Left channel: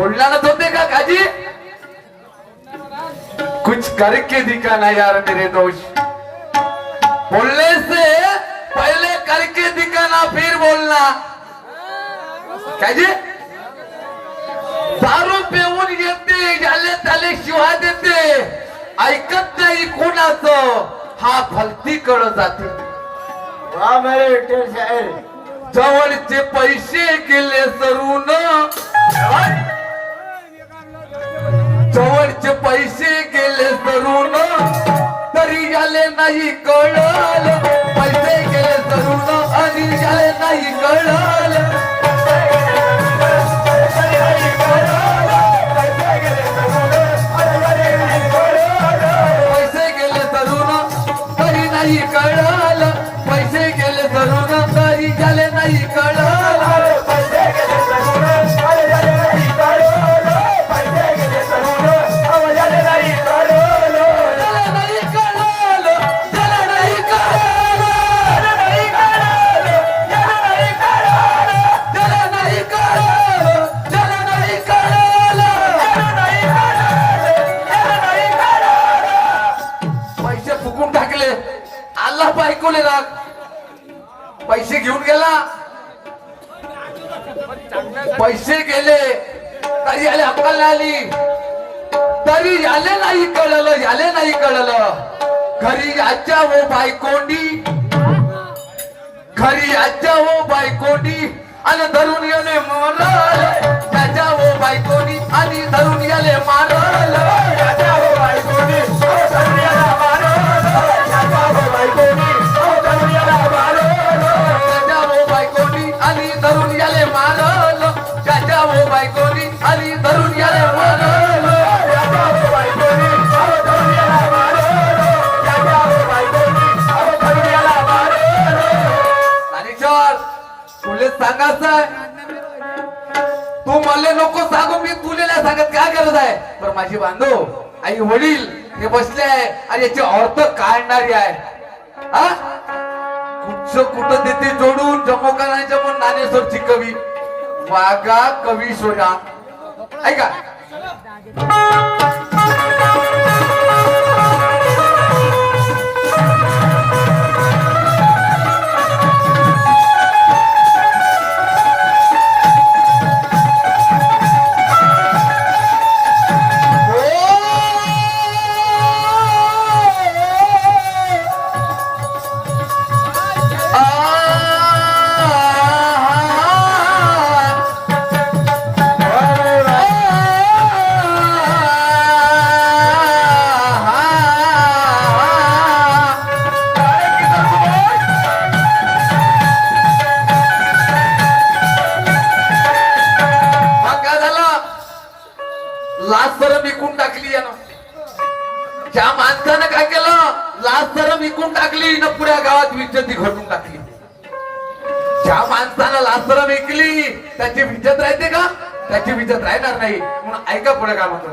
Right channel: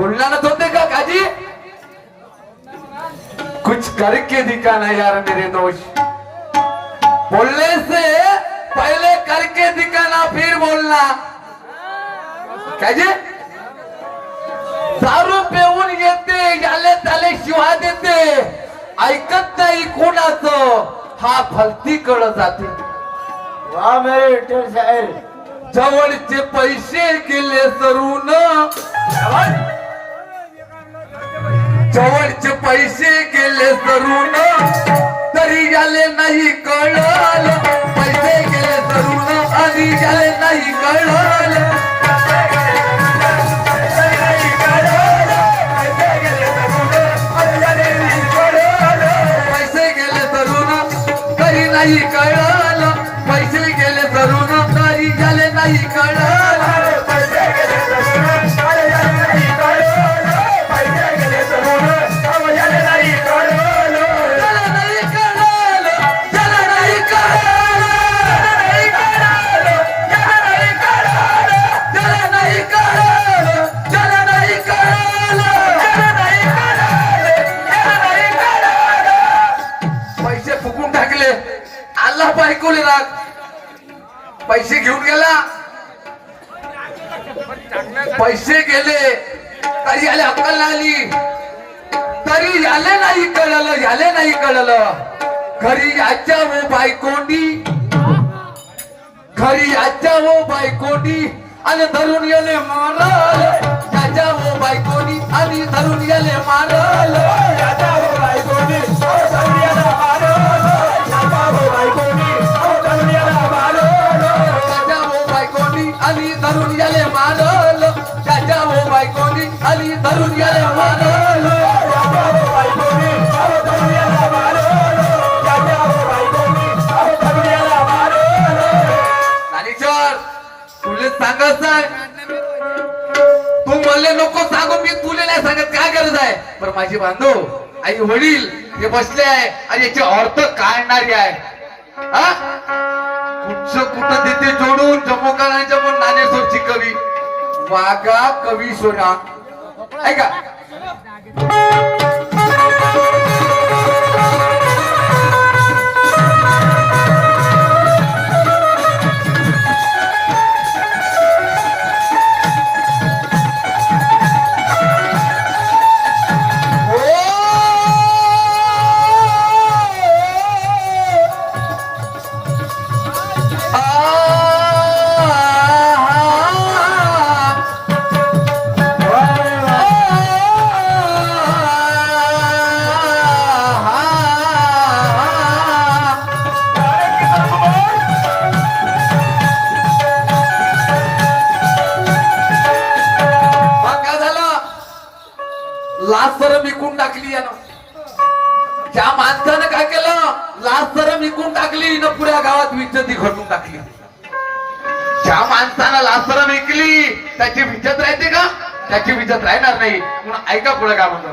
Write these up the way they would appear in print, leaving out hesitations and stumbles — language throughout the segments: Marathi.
बोलना ना होते का काजी? कुछ करके दिखाना यार मेरे दोस्त। बोलने से पहले करके दिखाना फिर बोलना। काजी? दारू पिऊन येते याले त्याले शिवा देते ऐकत नाही कोणाचं हा भलती कळत जाते। वाह मेरे विठ्ठल साहेब, जवळचे पैसे गेले सरून, जवळचे पैसे गेले सरून तरी याले नाही कळलं, पैसे गेले सरून आणि याले नाही कळलं। पैसे गेले सरून तरी नाही कळलं, पैसे गेले सरून तरी याले नाही कळलं। बायकोले राग पैसे घेऊन गेला, पैसे गेले तरी याले अक्कल नाही आली, तरी याले नाही कळलं, याले नाही कळलं। घरी याच्या वो बायकोंडी, घरी याच्या वो बायकोंडी आणि धरून याले मारल, त्याच्या वो बायकोंडी आणि धरून याले मारल, त्याच्या वो बायकोंडी धरून याला मारल, त्याच्या वो बायकोंडी आणि धरून याले मारल, त्याच्या वो बायकोनी आणि धरून याले मारल, त्याच्या वो बायकोनी धरून याला मारल, त्याच्या वो बायकोनी धरून याला मारल। ज्ञानेश्वर तुले सांगायचंय, तू मला नको सांगू, मी तुले नाही सांगत, काय गरज आहे? पण माझी बांधव आई वडील हे बसले आहे आणि याची अर्थ काढणारी आहे। हा कुठं देते जोडून जमोकारांच्या पण ज्ञानेश्वरची कवी वागा कवी सोना ऐका। लाच सरम विकून टाकली यानं, त्या माणसानं काय केलं? लाच सरम विकून टाकली न पुऱ्या गावात विज्जती घडून टाकली। ज्या माणसानं लाच सरम विकली त्याची विज्जत राहते का? त्याची विज्जत राहणार नाही। म्हणून ऐका पुढे काय म्हणतो,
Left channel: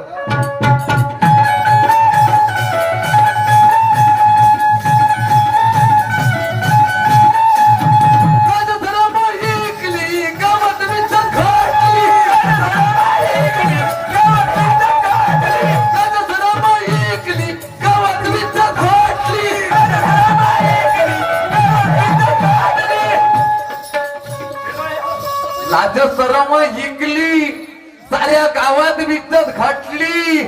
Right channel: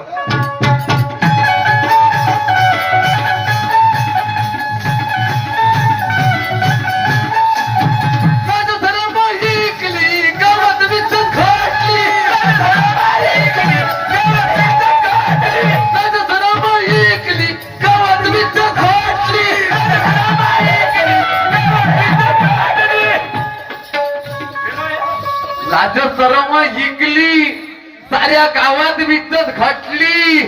लाज सरम हिंगली साऱ्या गावात विज्जत घटली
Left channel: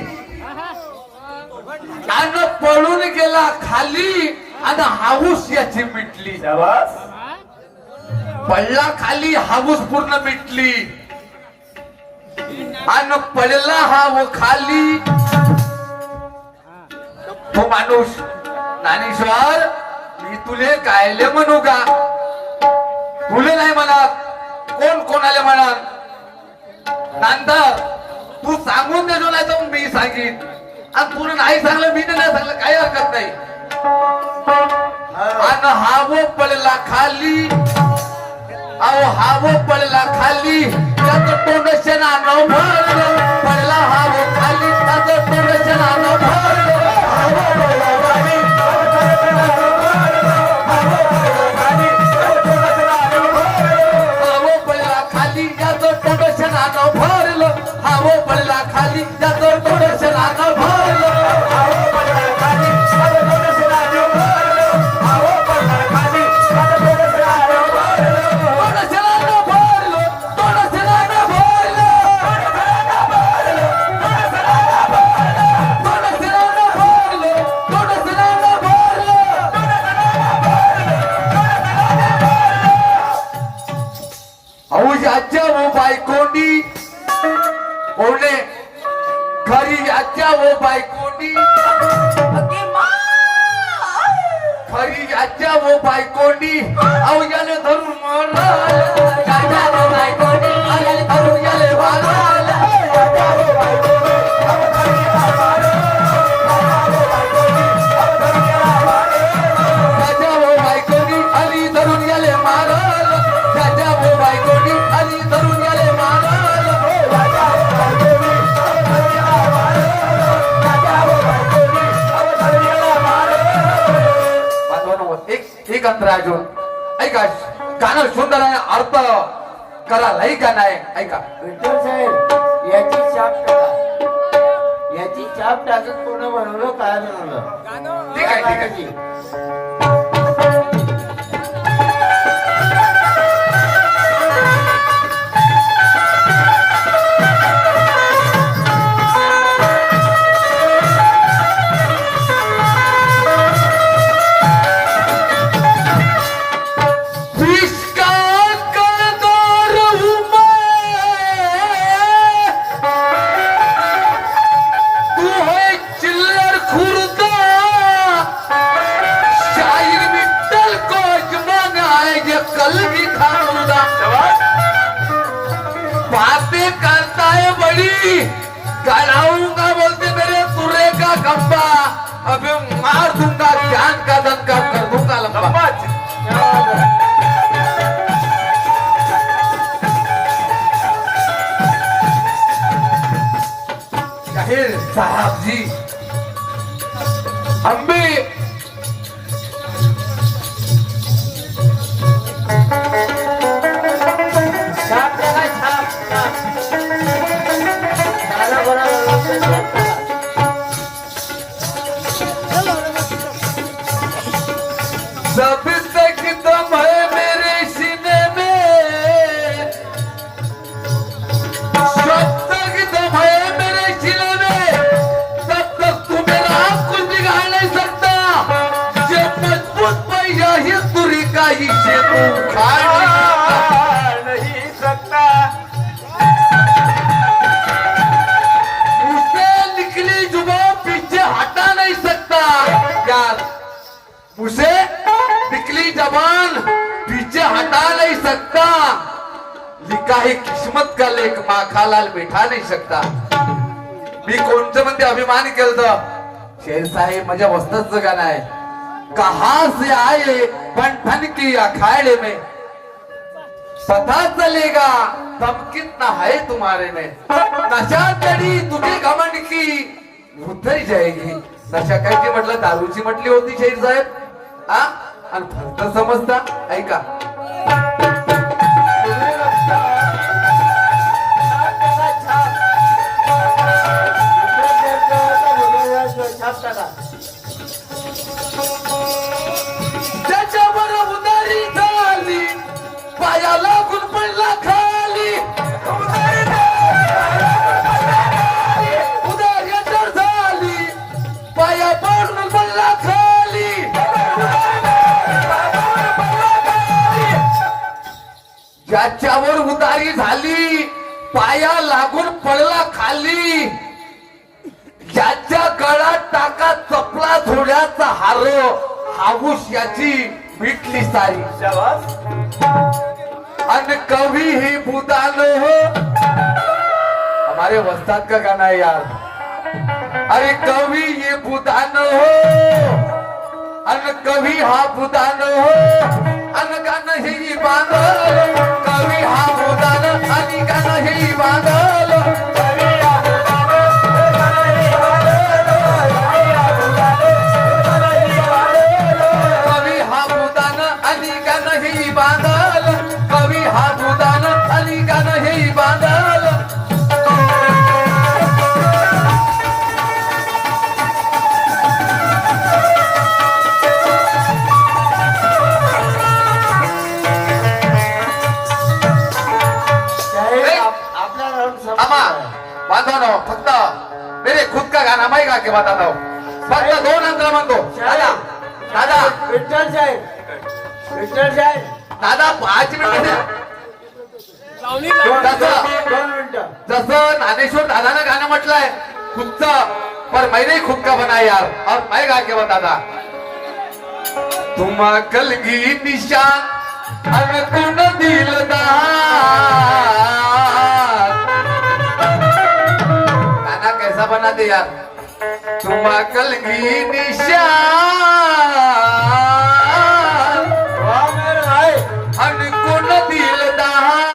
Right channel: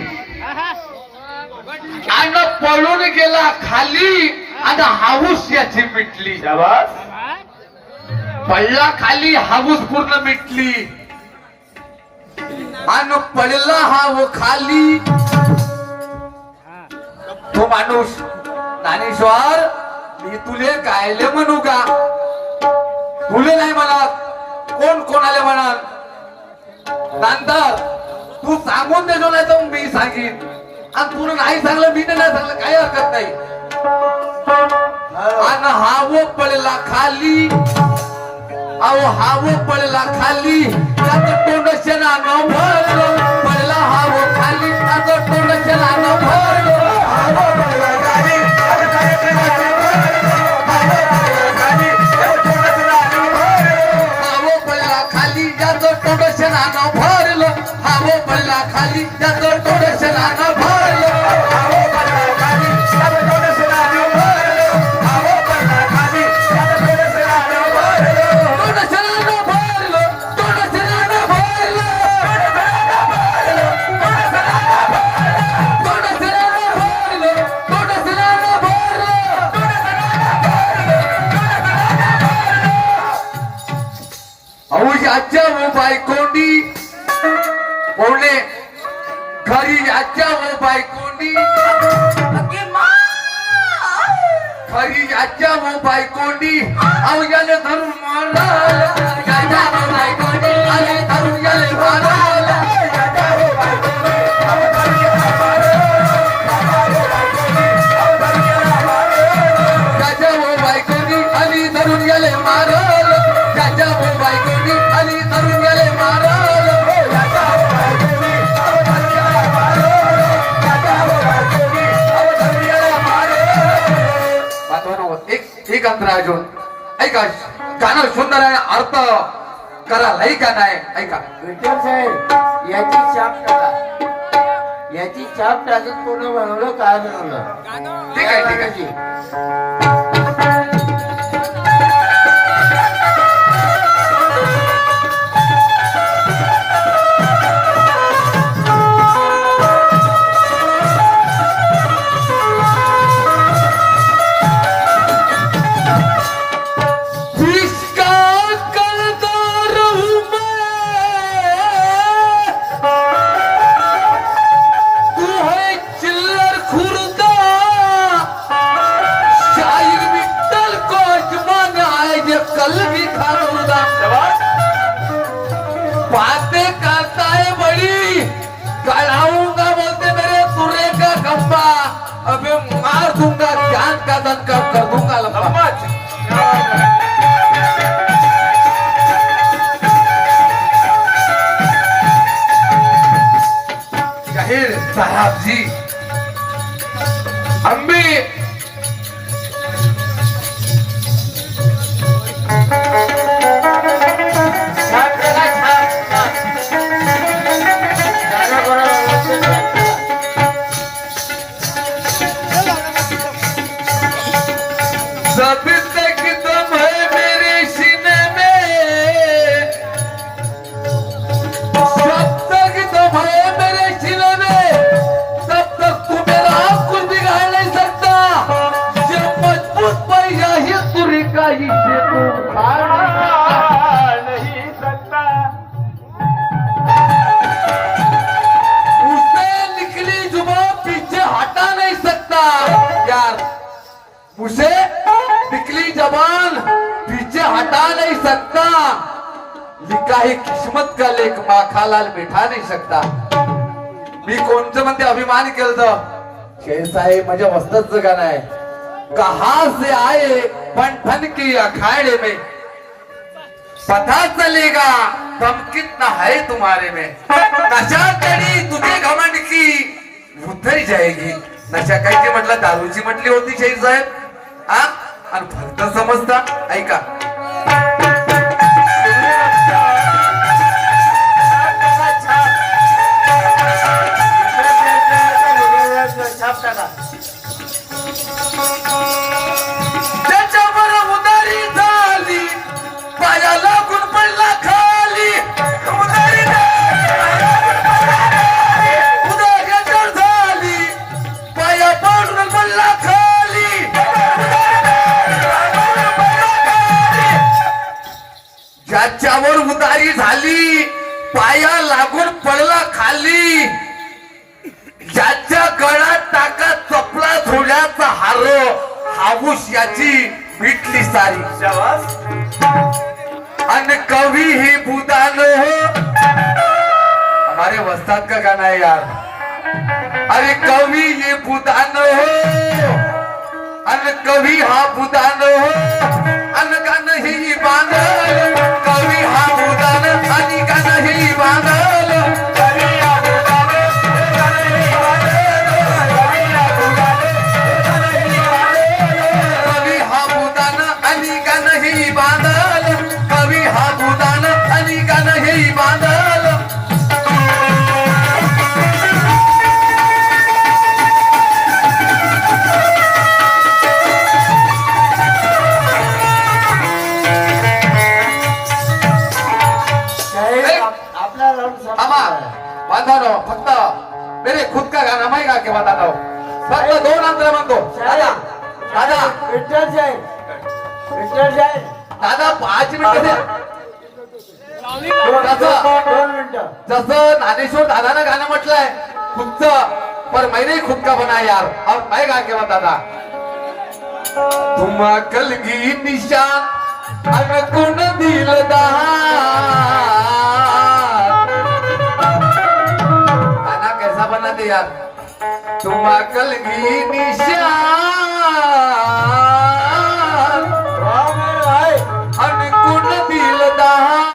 आणि पळून गेला खाली आणि हाऊस याची मिटली। पडला खाली, हाऊस पूर्ण मिटली आणि पडला हा वो खाली। तो माणूस ज्ञानेश्वर मी तुले कायले म्हणू का? तुले नाही म्हणा, कोण कोणाला म्हणा? नंतर तू सांगून देजो, नाही तर मी सांगीन। आणि तुला नाही सांगलं, मी नाही सांगलं, काही हरकत नाही। आणि हा वो पडला खाली, अहो हा वो पडला खाली, त्याचं तोंड शेणानं भरलं, पडला हा वो खाली, त्याचं तोंड शेणानं भरलं, खाली त्याचं तोंड शेणानं भरलं, हा वो खाली त्याचं थोडं भरलं आहो पन्नाखाली त्याचं थोडं भरलं आहो पन्नाखाली त्याचं थोडं भरलं आजच्या वो बायकोंडी बोलणे खरी आजच्या वो बायकोंडी खरी आजच्या वो बायकोंडी अवजाले धरून मारलं आजच्या वो बायकोंडी आले धरून गेले मारायला आजच्या वो बायकोंडी आजच्या वो बायकोंडी आली धरून गेले मारलं आजच्या वो बायकोंडी आली धरून गेले मारलं एक अंतरा अजून ऐका गाणं सुंदर आहे अर्थ करा लई का नाही ऐका विठ्ठल साहेब याची छाप टाका याची छाप टाकत पूर्ण बनवलं काय बनवलं ठीक आहे कल भी खाऊंगा बातें करता है बड़ी गड़ाऊंगा बोलते मेरे तुरे का खंबा अबे मार दूंगा जान का दंका कर दूंगा लंबा जाहिर साहब जी अम्बी जब तक दम है मेरे सीने में जब तक दम है मेरे सीने में तब तक तू मेरा कुछ बिगाड़ नहीं सकता जब मजबूत पैसा ही तुरी का हिस्से तू उखाड़ नहीं सकता उससे निकली जुबान पीछे हटा नहीं सकता यार उसे निकली जबान पीछे हटा नहीं सकता लिखा है किस्मत का लेख माखालाल बैठा नहीं सकता मी कोणचं म्हणते अभिमान केलं शेर साहेब माझ्या वस्ताचं गाणं आहे कहां से आए बंठन की अखाड़े में पता चलेगा दम कितना है तुम्हारे में नशा चढ़ी तुझे घमंड की उतर जाएगी नशा काय की म्हटलं दारूची म्हटली होती शेर साहेब हा आणि फक्त समजता ऐका छाप टाका त्याच्यावर उदारी झाली पाया लागून पडला खाली उदारी झाली पाया पडून पडला खाली ज्याच्यावर उदारी झाली पाया लागून पडला खाली ज्याच्या गळ्यात टाका चपला थोड्याचा हारो हाऊस याची मिटली सारी अन कवि ही बुदान हो हमारे वस्ताद का गाना है यार अरे कवि ये बुदान हो अन कवि हा बुदान हो अन गाणं ही बांधल कवि हा बुदान आणि गाणं ही बांधल कवि हा बुदान आणि गाणं ही बांधल कवि हा बुदान आणि गाणं ही बांधल आपला राऊंड थांबा बांधवानो फक्त मेरे खुद का गाना मैं गा के बताता हूँ फक्त 2 अंतर म्हणतो दादा दादा विठ्ठल साहेब दादा 5 मिनिटं दोन मिनिटं जसं ज्ञानेश्वर दादानं गाणं म्हटलंय खुदचं पर मैंने खुद का बनाया यार और मैं गा के बताता तुम कलगी निशान अनकुन दिलदार गाना कैसा बना दे यार तुम कलगी निशान